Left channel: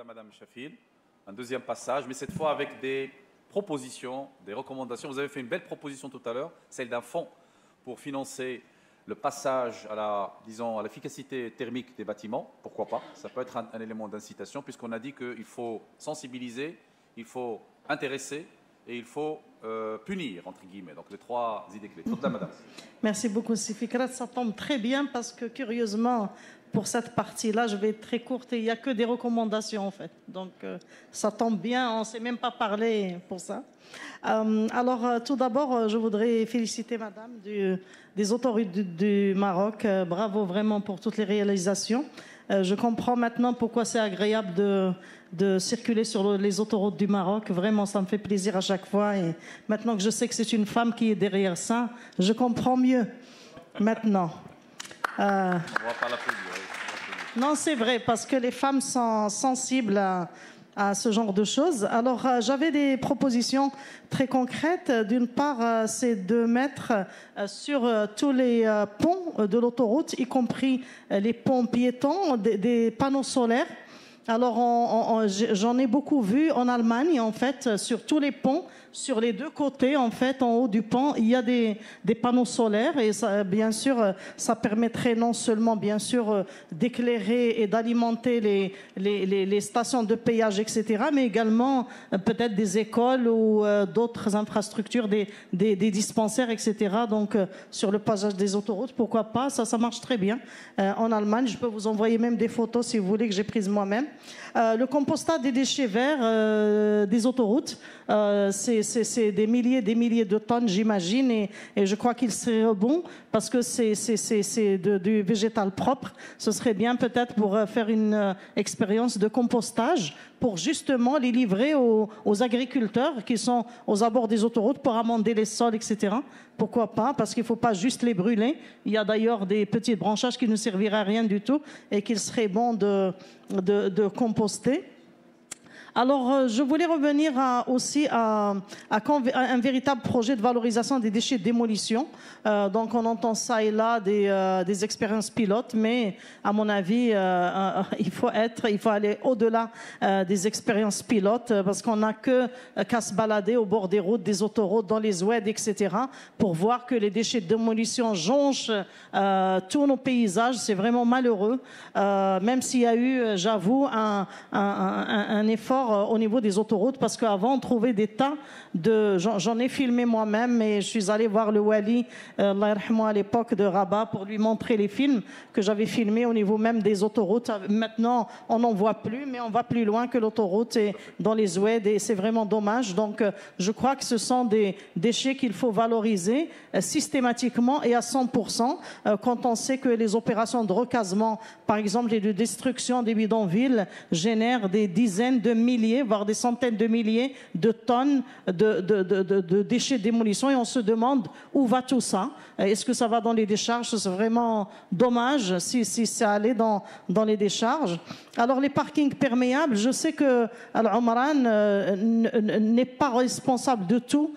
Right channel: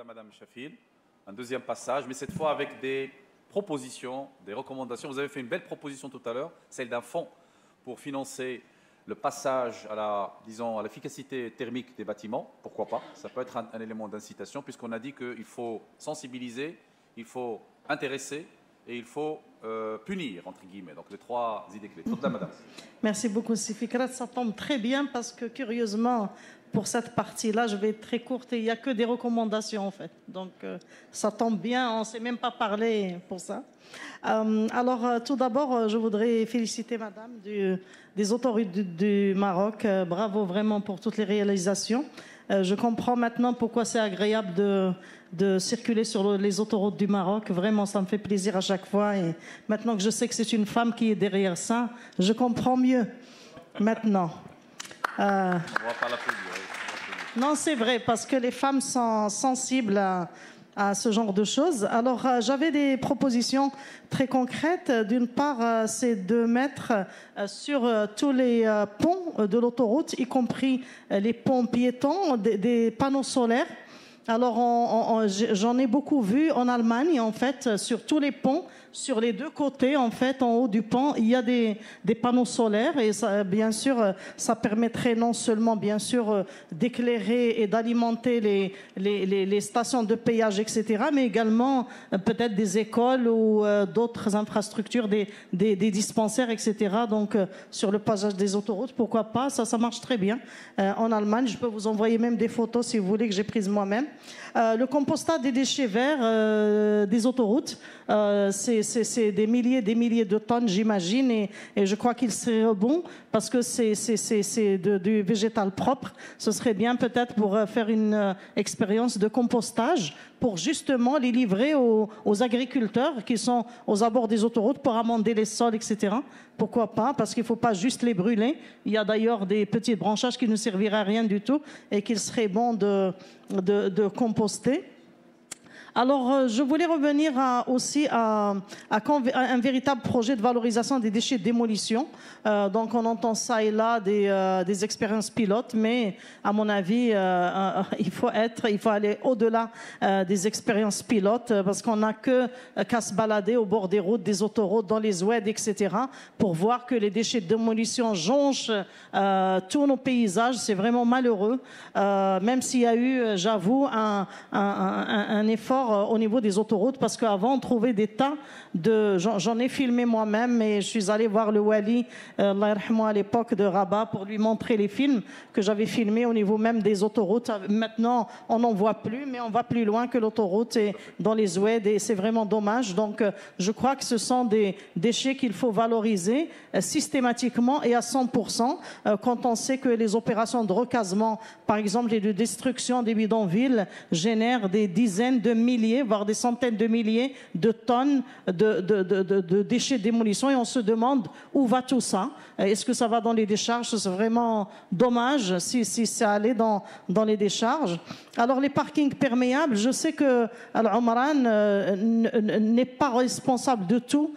à Madame Chafil, un deuxième passage, mais cette fois avec des propositions, des recommandations. Vous avez fait une belle proposition tout à l'heure, celle d'un fonds pour financer le passage à la, disons, à l'efficacité thermique des bâtiments. Pourquoi pas? Ça peut être un élément d'incitation, puisqu'on a dit qu'il faut sensibiliser, il faut intéresser et il faut punir, entre guillemets. Donc les trois idées clés. Madame. Merci beaucoup, Sifikrat. Ça tombe très bien parce que, curieusement, pour cette partie-là, je vais être très courte et il n'y a que des recommandations, en fait. Donc, ça tombe bien, on ne s'est même pas parlé pour ça. Alors, tout d'abord, je voudrais féliciter Madame des autorités du Maroc. Bravo vraiment pour toutes les réalisations. Je comprends maintenant pourquoi c'est agréable de circuler sur les autoroutes du Maroc. Vraiment, ça me fait plaisir à chaque fois. Et maintenant que je sais que c'est une femme qui est derrière ça, je comprends mieux maintenant. Non, c'est vrai, parce que les femmes sont sensibles à ce genre de choses. Alors, j'avais des propositions très concrètes. D'une part, c'est de mettre sur tous les ponts de l'autoroute, y compris les ponts piétons, des panneaux solaires. Alors, j'en ai beaucoup vu en Allemagne, en fait, sur tous les ponts, sur les deux côtés, en fait, en haut du pont, il y a des panneaux solaires et ça, bien sûr, ça permettrait non seulement, bien sûr, d'éclairer et d'alimenter les stations de péage, etc., mais également peut-être des écoles ou d'autres infrastructures, des dispensaires, etc. Donc, sur le passage des autoroutes, pourquoi pas, ça marche très bien. En Allemagne, je peux vous envoyer même des photos si vous voulez que j'ai prises moi-même. Le compostage des déchets verts des autoroutes, c'est des milliers de tonnes, j'imagine, et je crois qu'il serait bon parce que c'est du végétal propre. Ce serait bien peut-être pour faire une expérience de compostage pour justement les livrer aux agriculteurs qui sont aux abords des autoroutes pour amender les sols, etc. Pourquoi pas? Parce qu'il ne faut pas juste les brûler. Il y a d'ailleurs des petits branchages qui ne serviraient à rien du tout et qu'il serait bon de composter. Alors, je voulais revenir aussi à un véritable projet de valorisation des déchets de démolition. Donc, on entend ça et là des expériences pilotes, mais à mon avis, il faut aller au-delà des expériences pilotes parce qu'on n'a qu'à se balader au bord des routes, des autoroutes, dans les oueds, etc., pour voir que les déchets de démolition jonchent tous nos paysages. C'est vraiment malheureux, même s'il y a eu, j'avoue, un effort au niveau des autoroutes, parce qu'avant on trouvait des tas j'en ai filmé moi-même, et je suis allé voir le Wali Allah yarhamou à l'époque de Rabat pour lui montrer les films que j'avais filmés au niveau même des autoroutes. Maintenant on n'en voit plus, mais on va plus loin que l'autoroute et dans les oueds, et c'est vraiment dommage. Donc je crois que ce sont des déchets qu'il faut valoriser systématiquement et à 100%, quand on sait que les opérations de recasement, par exemple, et de destruction des bidonvilles génèrent des dizaines de milliers, voire des centaines de milliers de tonnes de déchets de démolition, et on se demande où va tout ça. Est-ce que ça va dans les décharges? C'est vraiment dommage si ça allait dans les décharges. Alors les parkings perméables, je sais que Al-Omran n'est pas responsable de tout,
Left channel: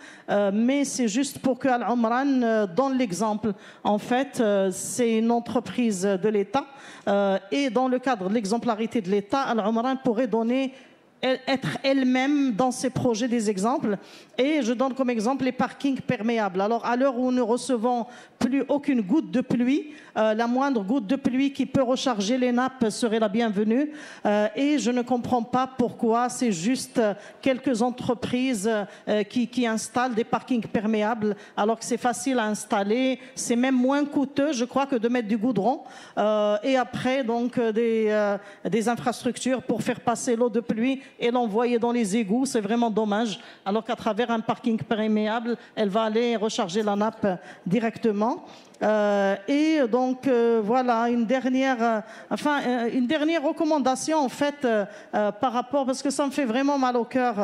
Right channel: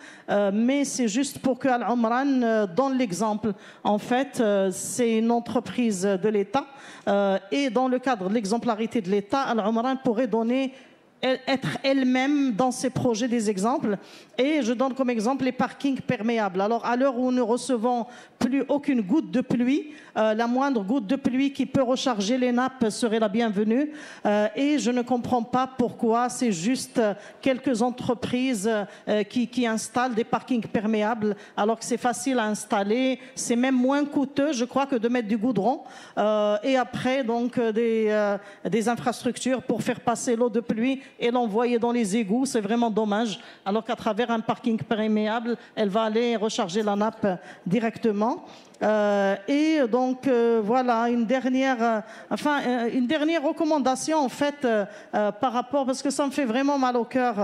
mais c'est juste pour que Al-Omran donne l'exemple. En fait, c'est une entreprise de l'État, et dans le cadre de l'exemplarité de l'État, Al-Omran pourrait être elle-même dans ses projets des exemples. Et je donne comme exemple les parkings perméables. Alors, à l'heure où nous ne recevons plus aucune goutte de pluie, la moindre goutte de pluie qui peut recharger les nappes serait la bienvenue. Et je ne comprends pas pourquoi c'est juste quelques entreprises qui installent des parkings perméables, alors que c'est facile à installer. C'est même moins coûteux, je crois, que de mettre du goudron. Et après, donc, des infrastructures pour faire passer l'eau de pluie et l'envoyer dans les égouts. C'est vraiment dommage. Alors qu'à travers un parking perméable, elle va aller recharger la nappe directement. Et donc voilà, une dernière recommandation en fait par rapport, parce que ça me fait vraiment mal au cœur,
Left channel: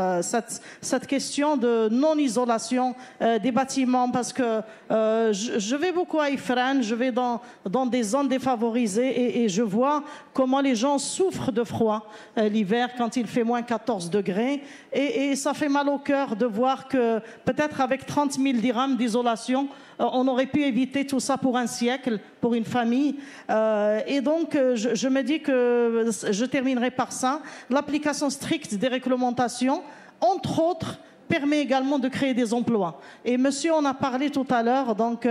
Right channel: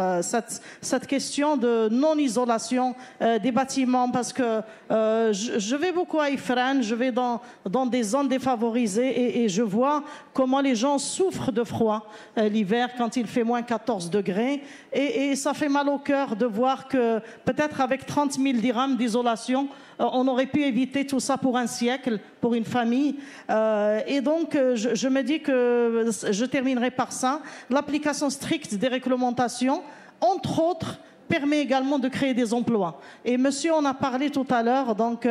cette question de non-isolation des bâtiments, parce que je vais beaucoup à Ifrane, je vais dans des zones défavorisées, et je vois comment les gens souffrent de froid l'hiver quand il fait moins 14 degrés, et ça fait mal au cœur de voir que peut-être avec 30 000 dirhams d'isolation, on aurait pu éviter tout ça. ça pour un siècle, pour une famille. Et donc, je me dis que je terminerai par ça. L'application stricte des réglementations, entre autres, permet également de créer des emplois. Et monsieur en a parlé tout à l'heure, donc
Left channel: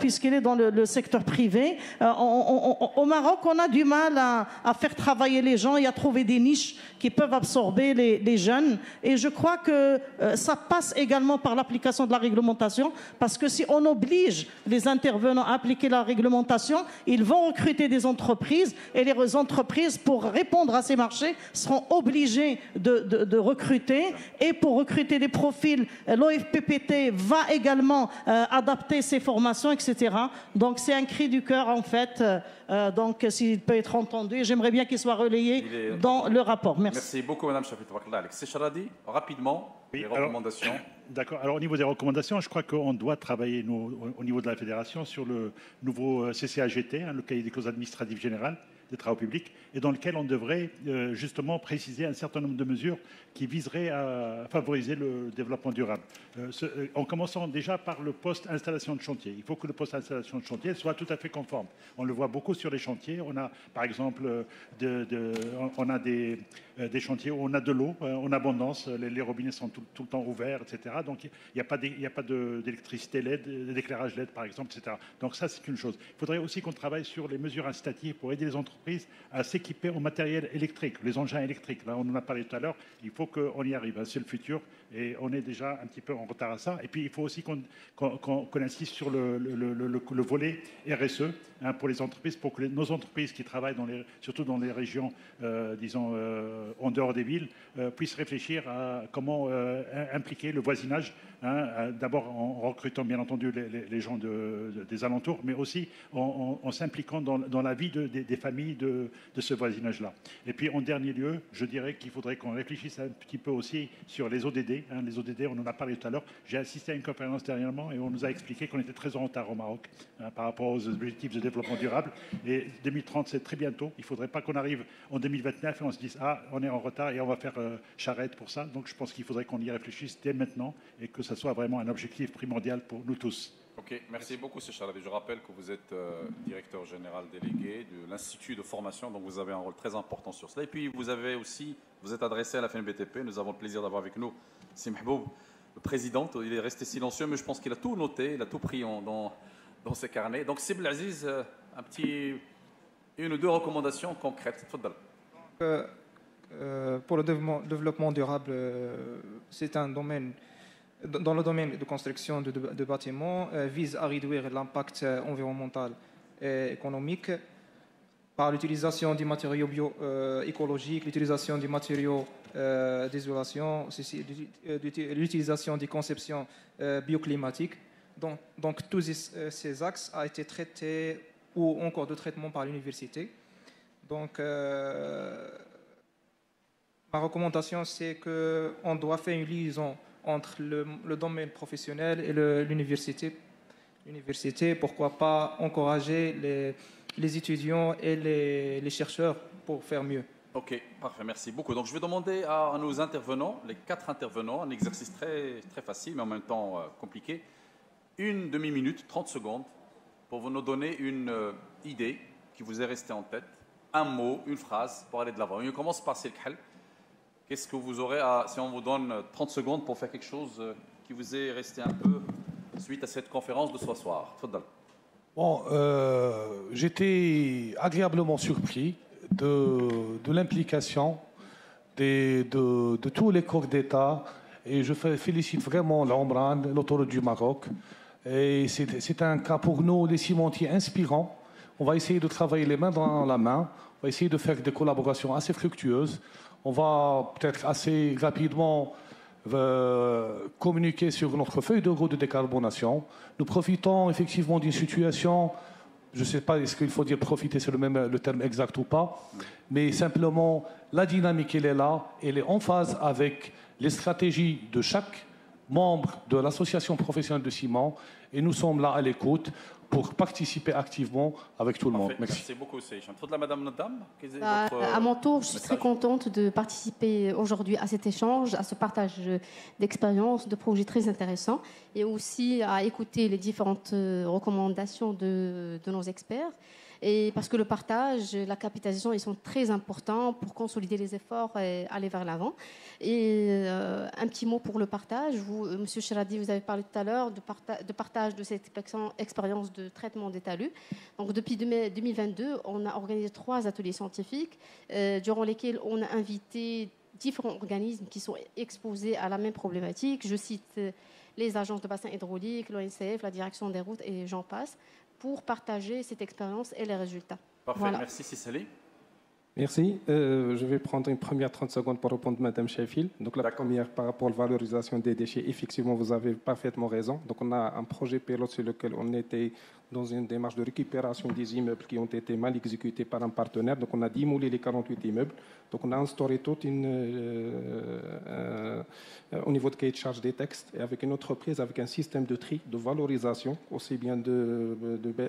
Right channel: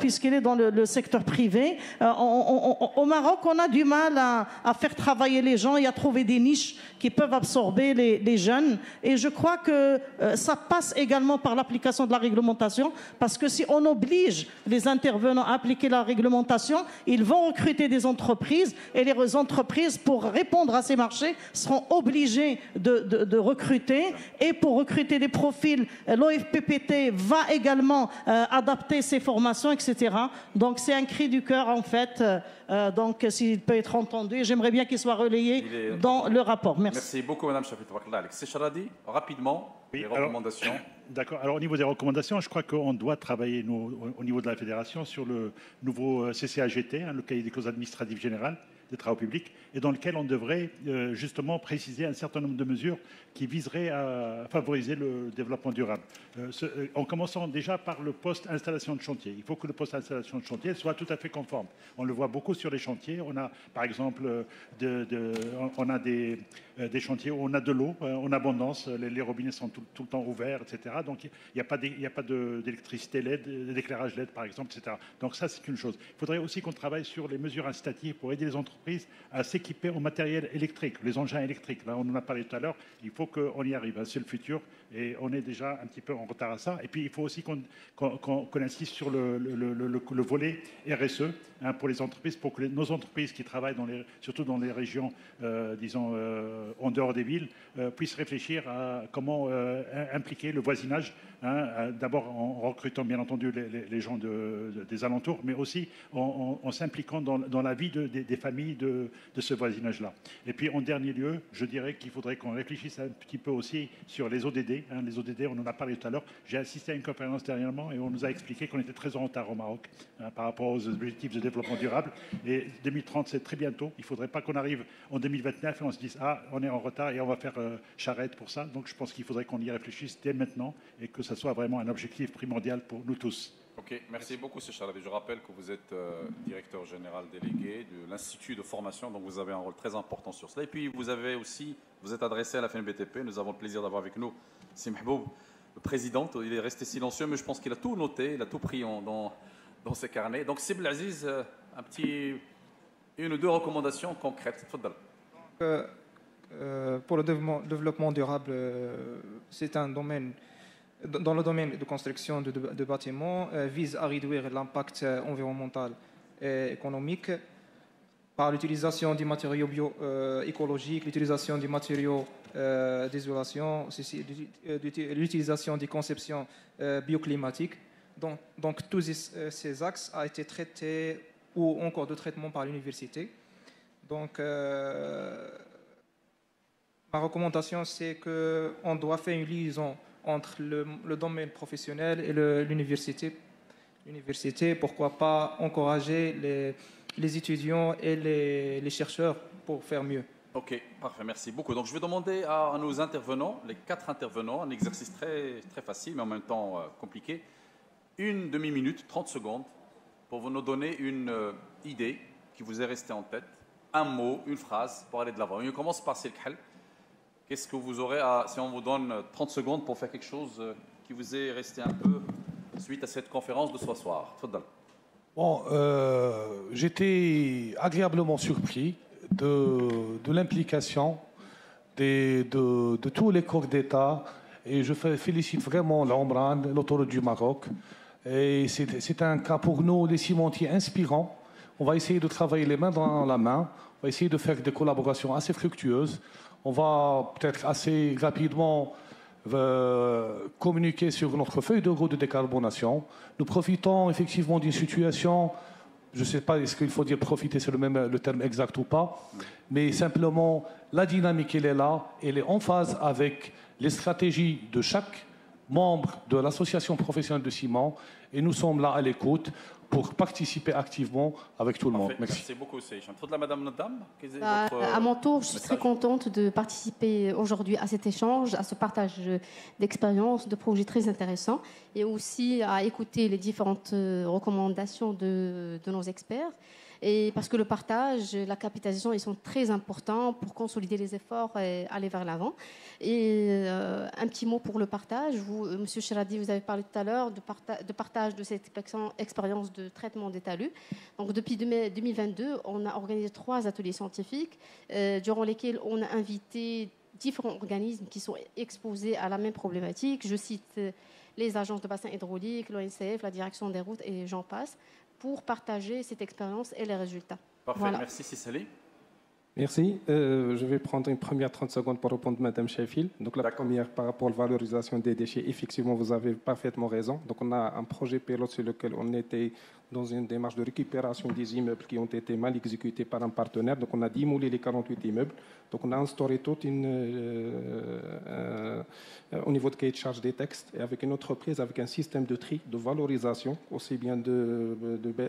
puisqu'il est dans le secteur privé, au Maroc, on a du mal à faire travailler les gens et à trouver des niches qui peuvent absorber les jeunes. Et je crois que ça passe également par l'application de la réglementation, parce que si on oblige les intervenants à appliquer la réglementation, ils vont recruter des entreprises, et les entreprises, pour répondre à ces marchés, seront obligées de recruter. Et pour recruter des profils, l'OFPPT va également adapter ses formations, etc. Donc c'est un cri du cœur, en fait. Donc s'il peut être entendu, j'aimerais bien qu'il soit relayé dans le rapport. Merci beaucoup, Madame Secrétaire. C'est Charadi, rapidement, les recommandations. D'accord. Alors, au niveau des recommandations, je crois qu'on doit travailler, nous, au niveau de la fédération, sur le nouveau CCAGT, le cahier des causes administratives générales des travaux publics, et dans lequel on devrait justement préciser un certain nombre de mesures qui viseraient à favoriser le développement durable. En commençant déjà par le poste installation de chantier. Il faut que le poste installation de chantier soit tout à fait conforme. On le voit beaucoup sur les chantiers. On a, par exemple, on a des chantiers où on a de l'eau en abondance. Les robinets sont tout le temps ouverts, etc. Donc, il n'y a pas d'électricité LED, d'éclairage LED, par exemple, etc. Donc, ça, c'est une chose. Il faudrait aussi qu'on travaille sur les mesures incitatives pour aider les entreprises à s'équiper en matériel électrique, les engins électriques. Là, on en a parlé tout à l'heure. Il faut qu'on y arrive. C'est le futur et on est déjà un petit peu en retard à ça. Et puis, il faut aussi qu'on insiste sur le volet RSE pour les entreprises, pour que nos entreprises qui travaillent surtout dans les régions, disons, en dehors des villes, puissent réfléchir à comment impliquer le voisinage. D'abord en recrutant bien entendu les gens des alentours, mais aussi en s'impliquant dans la vie des familles de ce voisinage-là. Et puis en dernier lieu, je dirais qu'il faudrait qu'on réfléchisse un petit peu aussi sur les ODD. Les ODD, on en a parlé tout à l'heure. J'ai assisté à une conférence dernièrement et on nous a expliqué qu'on était très en retard au Maroc par rapport aux objectifs de développement durable. Et 2030, c'est très bientôt. Il ne faudrait pas qu'on arrive en 2029 et on se dise « Ah, on est en retard et on va faire charrette pour ça ». Donc je pense qu'il faudrait qu'on y réfléchisse dès maintenant et que ça soit vraiment un objectif primordial pour nous tous. Ok, merci beaucoup, M. Chalabi. Je rappelle que vous êtes directeur général délégué de l'Institut de formation, donc vous avez un rôle très important sur cela. Et puis vous êtes adressé à la FNBTP. Nous avons le plaisir d'avoir avec nous Sibilo, le président. Il est resté silencieux, mais je pense qu'il a tout noté, il a tout pris dans ses carnets. Donc, Sibel Aziz, une ou deux recommandations concrètes. Pour le développement durable, c'est un domaine. Dans le domaine de construction de bâtiments, vise à réduire l'impact environnemental et économique par l'utilisation des matériaux écologiques, l'utilisation des matériaux d'isolation, l'utilisation des conceptions bioclimatiques. Donc tous ces axes ont été traités ou en cours de traitement par l'université. Donc ma recommandation, c'est qu'on doit faire une liaison professionnel et l'université. L'université, pourquoi pas encourager les étudiants et les chercheurs pour faire mieux. Ok, parfait, merci beaucoup. Donc je vais demander à nos intervenants, les 4 intervenants, un exercice très, très facile mais en même temps compliqué, une demi-minute, 30 secondes, pour vous nous donner une idée qui vous est restée en tête, un mot, une phrase pour aller de l'avant. On commence par Silkhel. Qu'est-ce que vous aurez si on vous donne 30 secondes pour faire quelque chose qui vous est resté un peu suite à cette conférence de ce soir? Bon, j'étais agréablement surpris de l'implication de tous les corps d'État et je félicite vraiment l'Omran, l'autoroute du Maroc. Et c'est un cas pour nous, des cimentiers inspirants. On va essayer de travailler les mains dans la main, on va essayer de faire des collaborations assez fructueuses. On va peut-être assez rapidement communiquer sur notre feuille de route de décarbonation. Nous profitons effectivement d'une situation, je ne sais pas est-ce qu'il faut dire profiter, c'est le terme exact ou pas, mais simplement la dynamique elle est là, elle est en phase avec les stratégies de chaque membre de l'association professionnelle de ciment et nous sommes là à l'écoute pour participer activement avec tout le monde. Merci beaucoup. Madame Nata, À mon tour, je suis très contente de participer aujourd'hui à cet échange, à ce partage d'expériences, de projets très intéressants, et aussi à écouter les différentes recommandations de nos experts. Et parce que le partage, la capitalisation, ils sont très importants pour consolider les efforts et aller vers l'avant. Et un petit mot pour le partage. Vous, Monsieur Siradi, vous avez parlé tout à l'heure de partage de cette expérience de traitement des talus. Donc, depuis 2022, on a organisé 3 ateliers scientifiques durant lesquels on a invité différents organismes qui sont exposés à la même problématique. Je cite les agences de bassin hydraulique, l'ONCF, la direction des routes et j'en passe, pour partager cette expérience et les résultats. Parfait, Voilà. merci Cicely. Merci. Je vais prendre une première 30 secondes pour répondre à Mme Sheffield. Donc la première, par rapport à la valorisation des déchets, effectivement, vous avez parfaitement raison. Donc on a un projet pilote sur lequel on était dans une démarche de récupération des immeubles qui ont été mal exécutés par un partenaire. Donc on a démoli les 48 immeubles. Donc on a instauré toute au niveau de cahier de charge des textes, avec une entreprise, avec un système de tri, de valorisation, aussi bien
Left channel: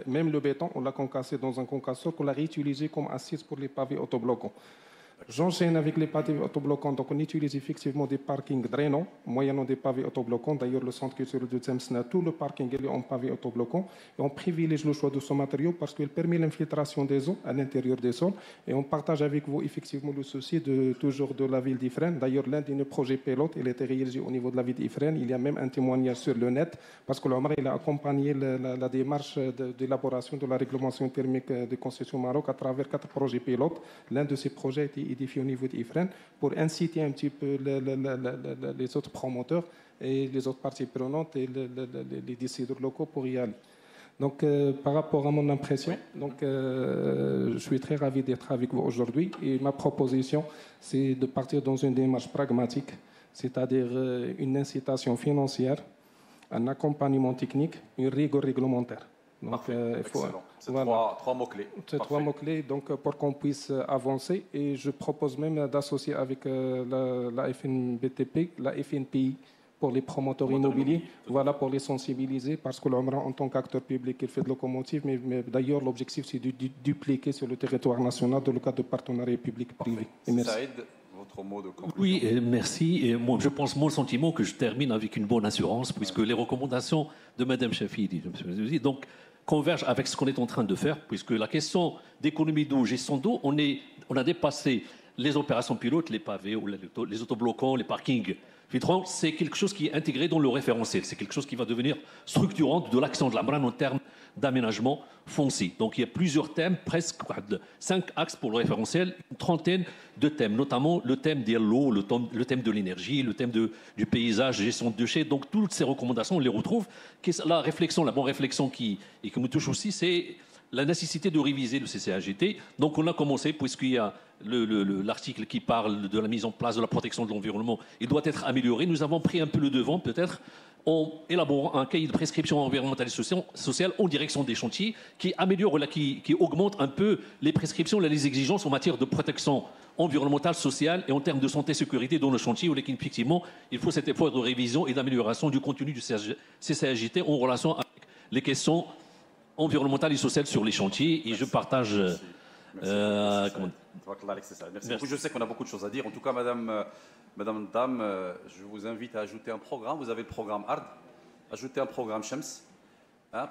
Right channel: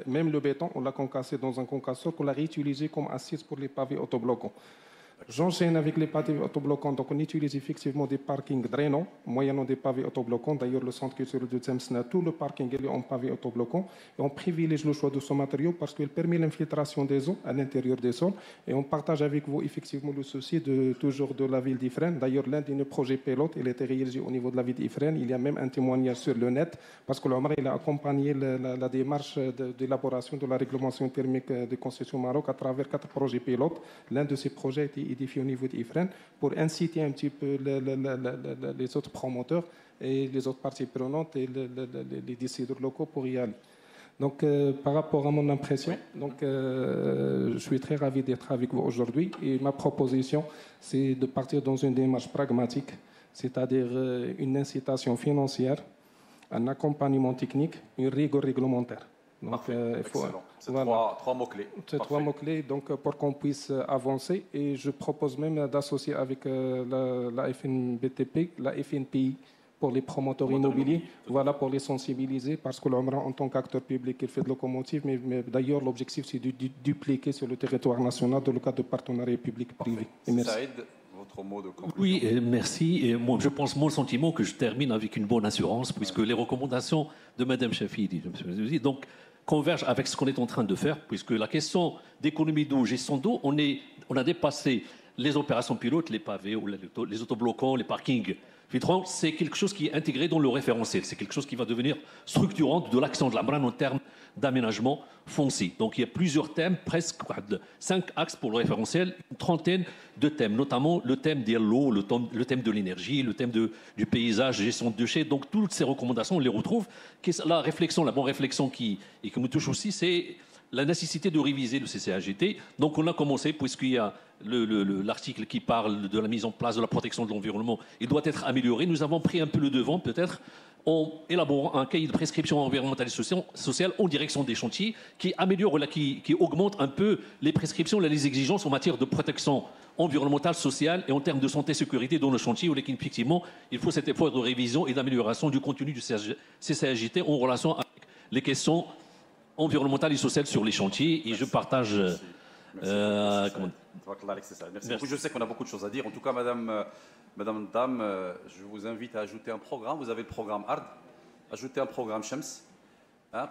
même le béton, on l'a concassé dans un concasseur qu'on l'a réutilisé comme assise pour les pavés autobloquants. J'enchaîne avec les pavés autobloquants. Donc, on utilise effectivement des parkings drainants, moyennant des pavés autobloquants. D'ailleurs, le centre culturel de Tlemcena, tout le parking est en pavés autobloquants. Et on privilégie le choix de ce matériau parce qu'il permet l'infiltration des eaux à l'intérieur des sols. Et on partage avec vous, effectivement, le souci toujours de la ville d'Ifrane. D'ailleurs, l'un de nos projets pilotes, il a été réalisé au niveau de la ville d'Ifrane. Il y a même un témoignage sur le net parce que l'Omra, il a accompagné la démarche d'élaboration de la réglementation thermique de concession Maroc à travers 4 projets pilotes. L'un de ces projets a été édifié au niveau d'Ifrane pour inciter un petit peu les autres promoteurs et les autres parties prenantes et les décideurs locaux pour y aller. Donc, par rapport à mon impression, donc, je suis très ravi d'être avec vous aujourd'hui et ma proposition, c'est de partir dans une démarche pragmatique, c'est-à-dire une incitation financière, un accompagnement technique, une rigueur réglementaire. Donc, il faut, c'est voilà, 3 mots-clés. C'est 3 mots-clés donc, pour qu'on puisse avancer. Et je propose même d'associer avec la FNBTP, la FNPI, pour les promoteurs immobiliers, voilà, pour les sensibiliser, parce que l'on en tant qu'acteur public qui fait de locomotive, mais d'ailleurs l'objectif c'est de dupliquer sur le territoire national dans le cadre de partenariat public-privé. Saïd, votre mot de conclusion. Oui, merci. Et moi, je pense, mon sentiment, que je termine avec une bonne assurance, puisque les recommandations de Mme Chafidi, donc, convergent avec ce qu'on est en train de faire, puisque la question d'économie d'eau, gestion d'eau, on a dépassé les opérations pilotes, les pavés, les autobloquants, les parkings. C'est quelque chose qui est intégré dans le référentiel. C'est quelque chose qui va devenir structurant de l'action de la Brane en termes d'aménagement foncier. Donc il y a plusieurs thèmes, presque 5 axes pour le référentiel, une trentaine de thèmes, notamment le thème de l'eau, le thème de l'énergie, le thème du paysage, gestion de déchets. Donc toutes ces recommandations, on les retrouve. La bonne réflexion qui me touche aussi, c'est la nécessité de réviser le CCAGT. Donc on a commencé, puisqu'il y a l'article qui parle de la mise en place de la protection de l'environnement, il doit être amélioré. Nous avons pris un peu le devant, peut-être, en élaborant un cahier de prescription environnementale et sociale en direction des chantiers qui améliore, qui augmente un peu les prescriptions, les exigences en matière de protection environnementale, sociale et en termes de santé et sécurité dans le chantier, où effectivement, il faut cet effort de révision et d'amélioration du contenu du CCAGT en relation avec les questions environnementales et sociales sur les chantiers. Et je partage... Merci. Merci. Je sais qu'on a beaucoup de choses à dire. En tout cas, Madame, je vous invite à ajouter un programme. Vous avez le programme ARD. Ajoutez un programme Shams,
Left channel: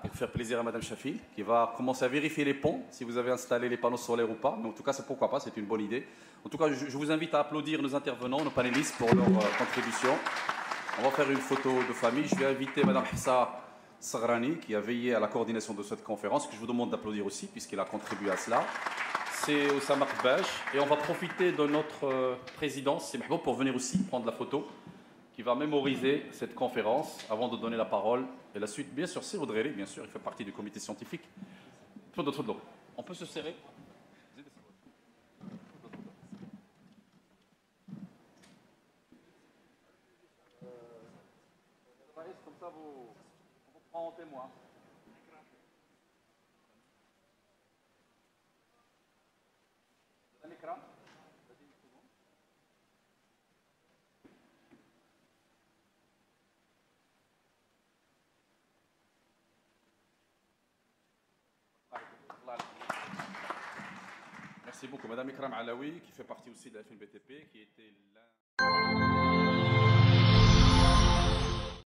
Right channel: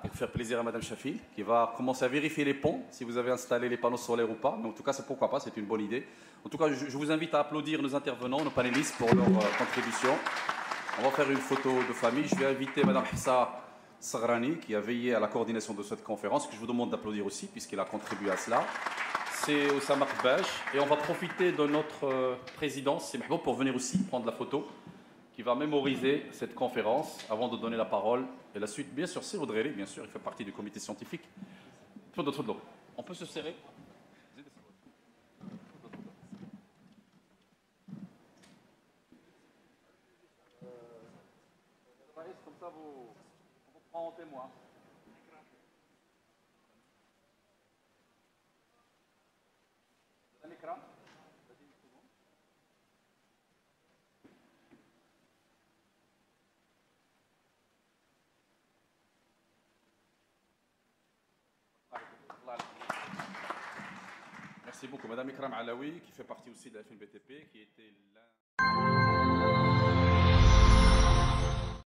pour faire plaisir à Madame Chafi, qui va commencer à vérifier les ponts, si vous avez installé les panneaux solaires ou pas. Mais en tout cas, c'est pourquoi pas, c'est une bonne idée. En tout cas, je vous invite à applaudir nos intervenants, nos panélistes, contribution. On va faire une photo de famille. Je vais inviter Madame Hassa Sagrani, qui a veillé à la coordination de cette conférence, que je vous demande d'applaudir aussi, puisqu'elle a contribué à cela. C'est Oussama Kbench. Et on va profiter de notre présidence, pour venir aussi prendre la photo, qui va mémoriser cette conférence avant de donner la parole. Et la suite, bien sûr, c'est Audrey, bien sûr, il fait partie du comité scientifique. On peut se serrer. Comme ça, on vous prend en témoin. Merci beaucoup. Madame Ikram Alaoui, qui fait partie aussi de la FNBTP, qui était